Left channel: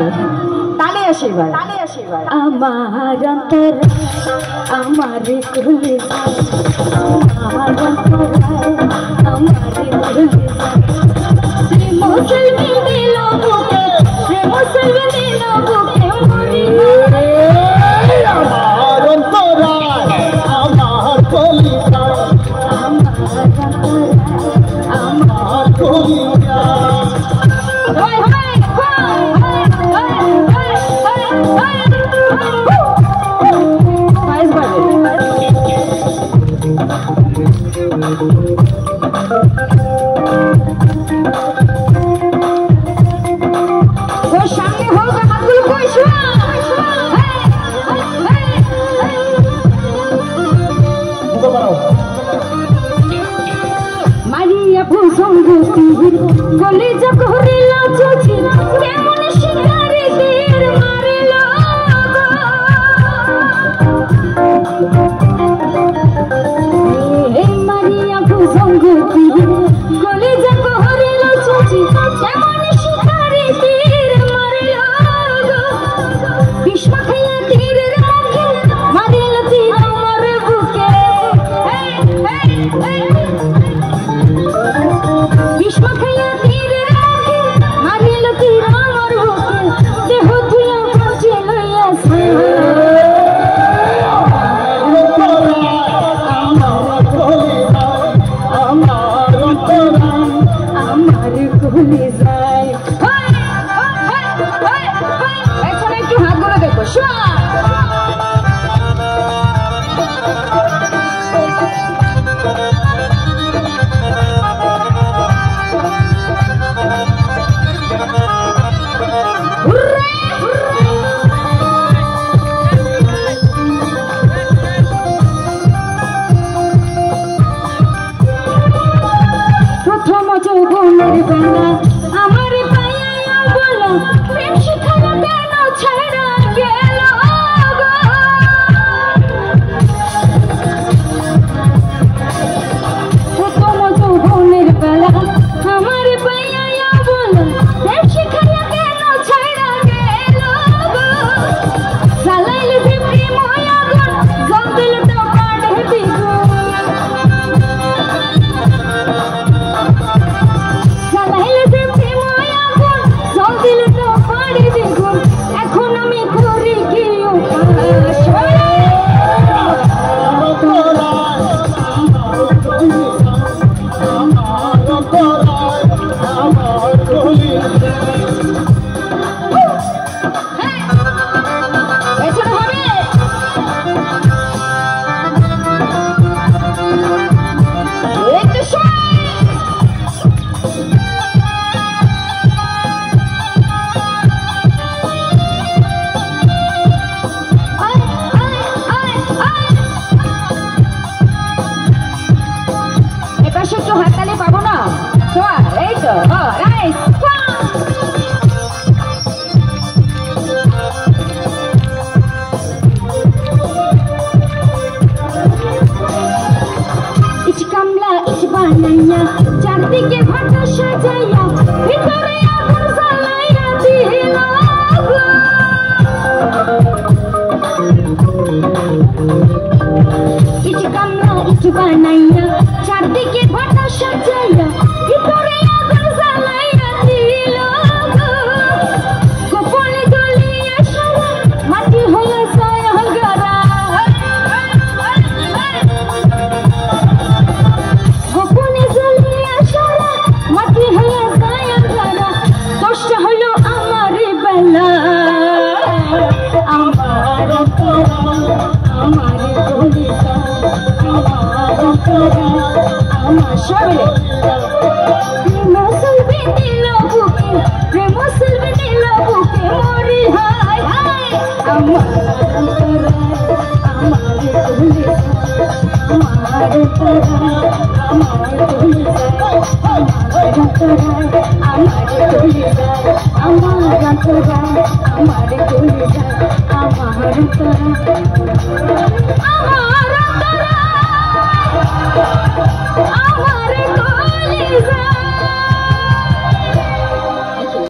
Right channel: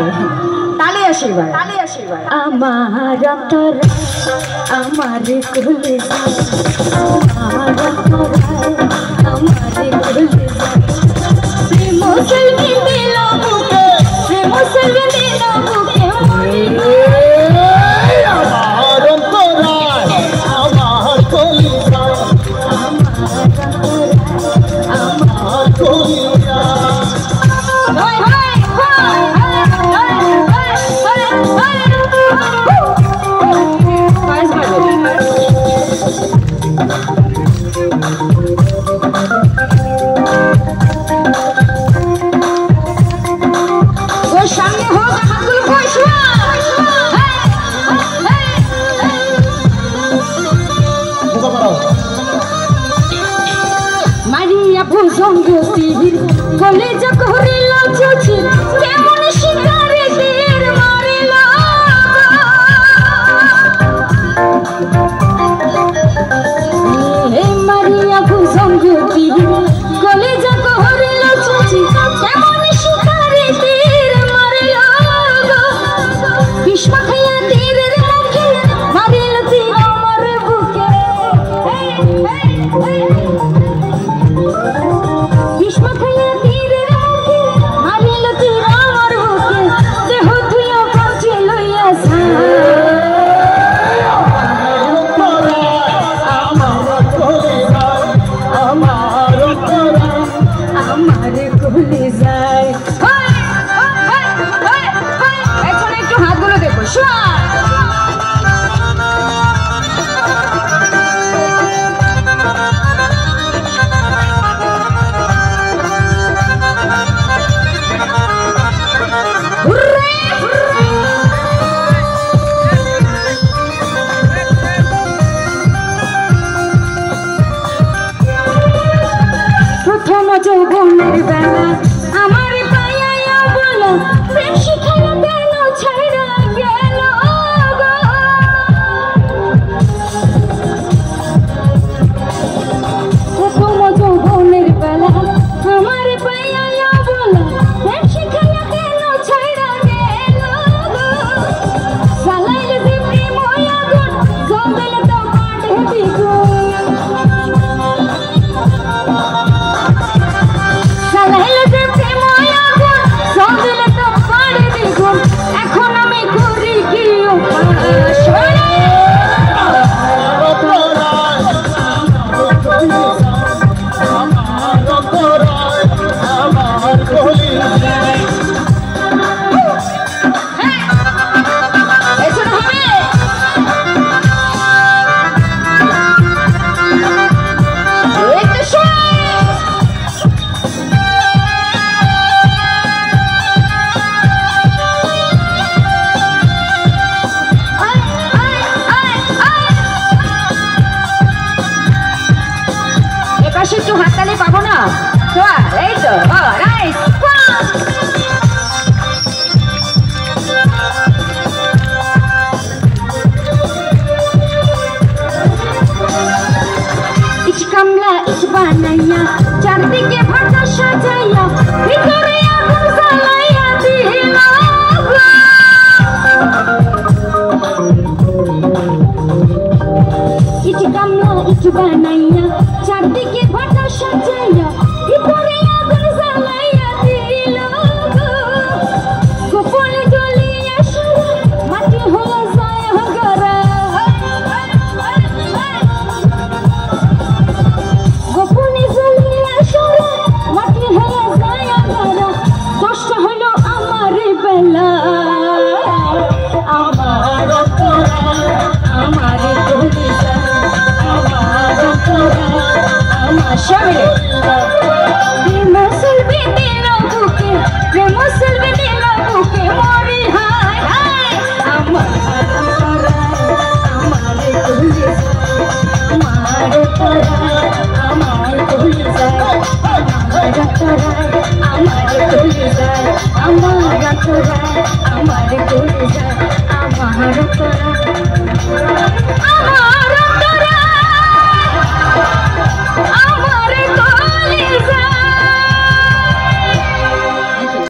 আছে তালে আসে এবার আমার অন্তর আমার কুলে আমার অন্তর আমার কুলে প্রেম সেলভি দিল বুকে প্রেম সেলভি দিল বুকে মরি আমার অন্তর আমার কুলে আমার অন্তর আমার কুলে মারিয়া ভূসঙ্গতির গলে যকরিল চোচি কেমন শিকারে তীর মারিল হে মারিয়া ভূসঙ্গতির গলে যকরিল চোচি কেমন শিকারে তীর মারিল বিষ খাইয়া তীরের মুখে মারিল তীর আমার বুকে বিষ খাইয়া তীরের মুখে মারিল তীর আমার বুকে দেহ ধুইয়া কাছে লইয়াছে আমার কুলে যায় এখন একটু হাতগুলো দেখো প্রথম যৌবনের বেলা আমার পাইয়া বলো প্রেম শিখানো কেন ছেড়ে গেল প্রথম যৌবনের বেলা আমার পাইয়া বলো প্রেম শিখানো কেন ছেড়ে গেল সালাইল যে প্রেম আগুন জল দিল তো কাটে বিগুন এখন আমি করি কি একটু হাততালি পাবো না তো এই তো রাইস ইচ কামলা ইচ বানাইয়া চারদিকে ভাটা সাজাইয়া ভিতরে আগুন জ্বালাইয়া দিল ইচ কামলা ইচ বানাইয়া চারদিকে ভাটা সাজাইয়া ভিতরে আগুন জ্বালাইয়া দিল গোপনে জ্বলিয়া সারা মাটি হলো ছায়াগারা গোপনে জ্বলিয়া সারা মাটি হলো ছায়াগারা দোষটা হলো আমার বেলা আমার আমার আমার শরীরে প্রেম সেলভি দিল বুকে প্রেম সেলভি দিল বুকে মরি হায় হায় আমার কুলে আমার কুলে যায় আমার কুলে যায় আমার কুলে যায় আমার